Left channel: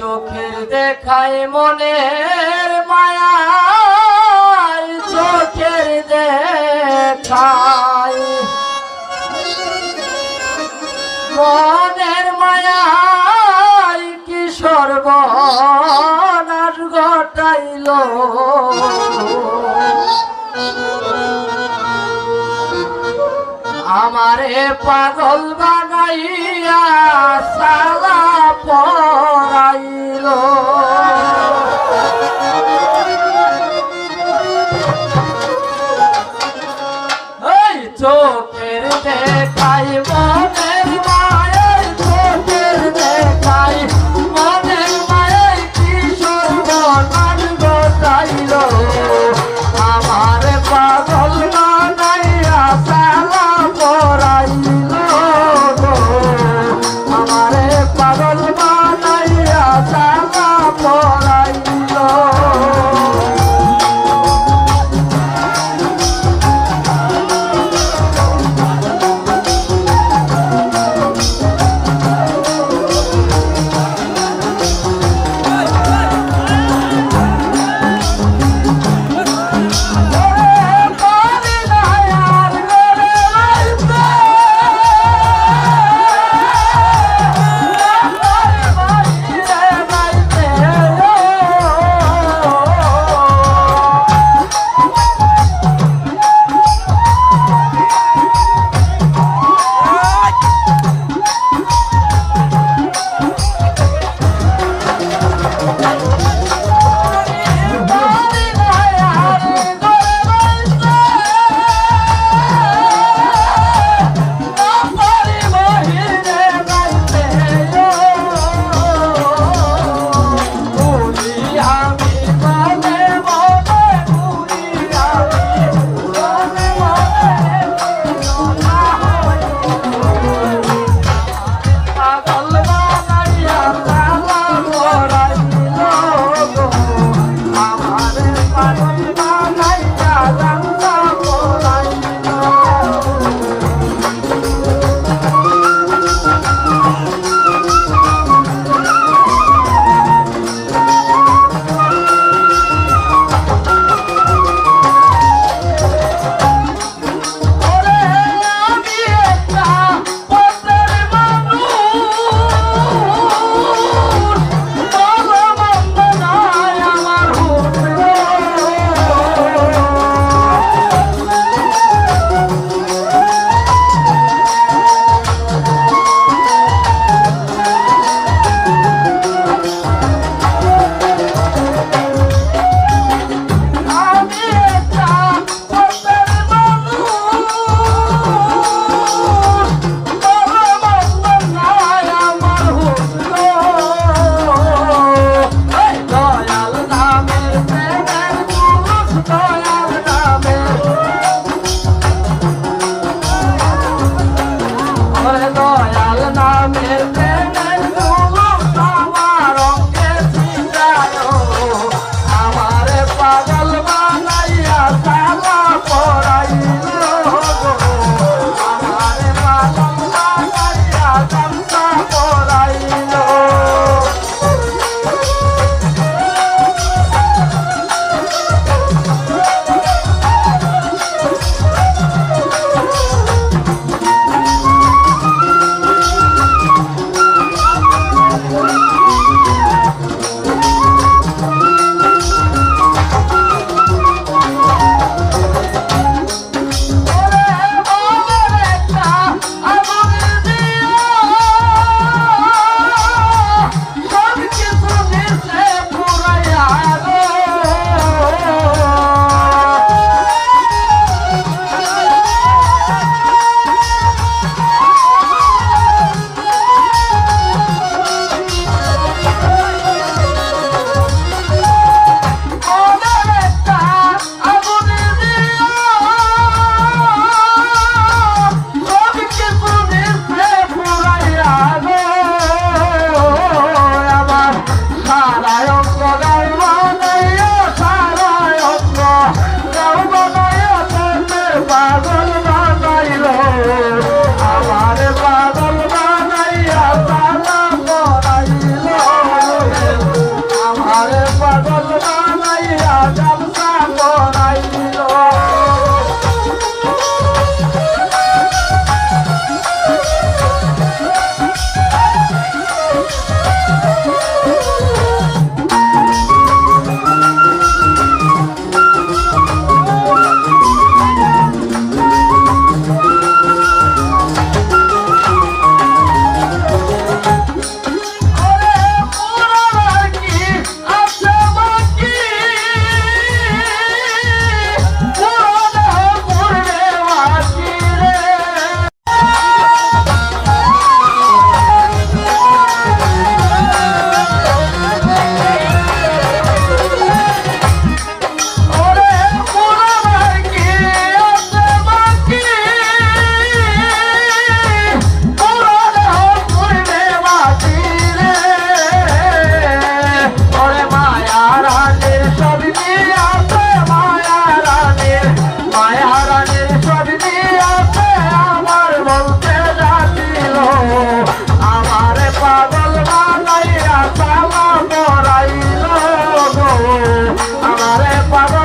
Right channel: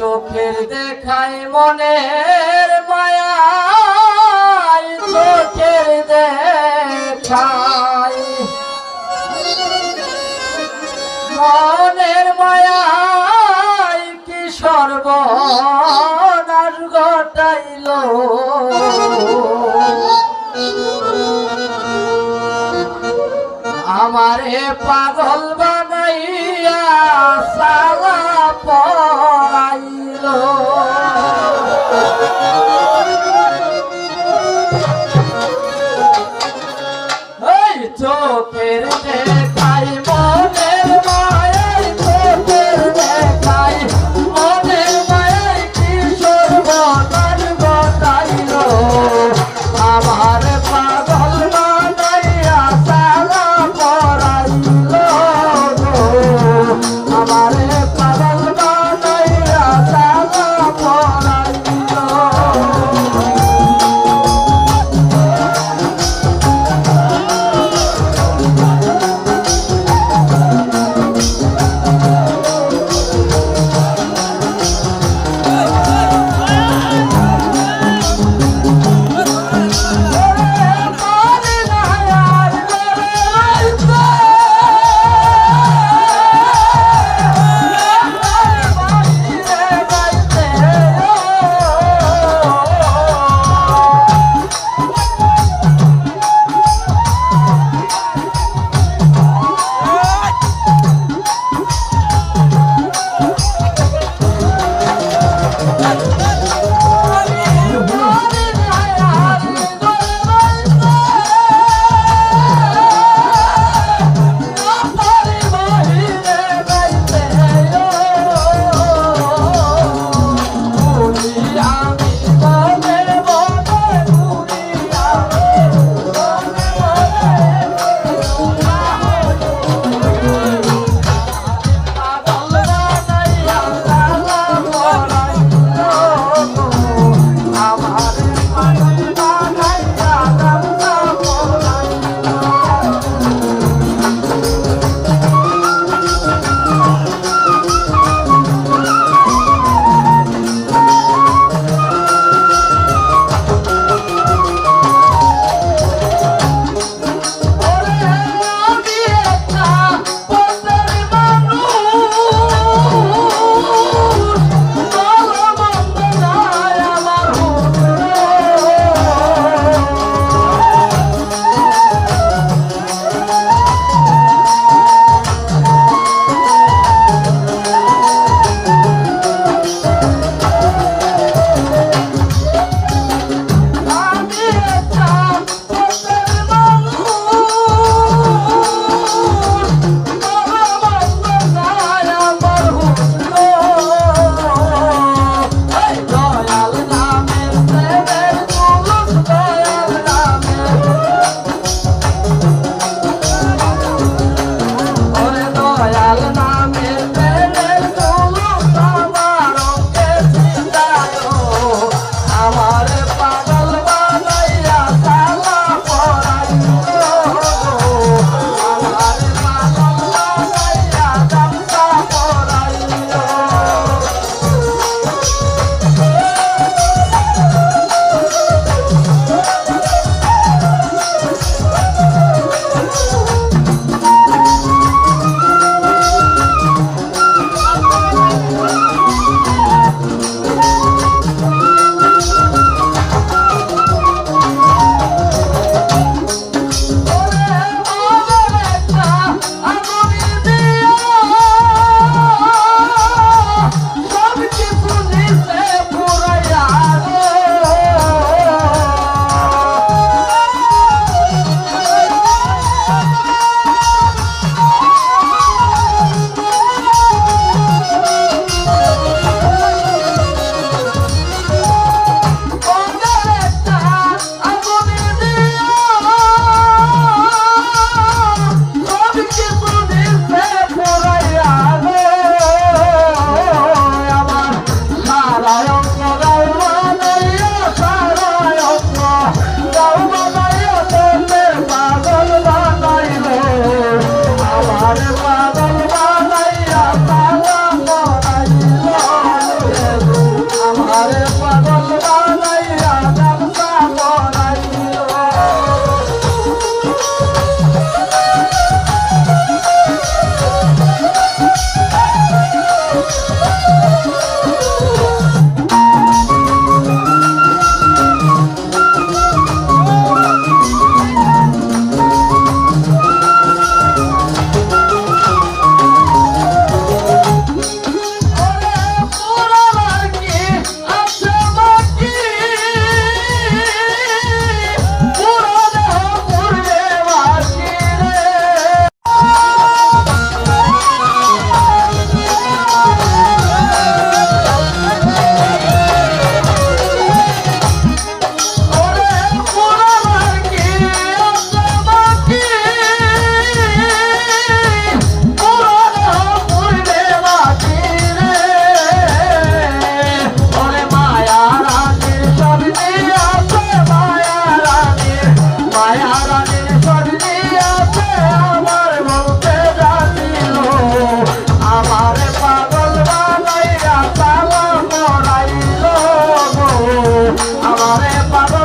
চোখের দেখাই মনের মায়া চোখের দেখাই মনের মায়াই কি সর্বনাশ ঘটাইল? আমারে পাগল বানাইয়া সালা চোখের দেখ Are para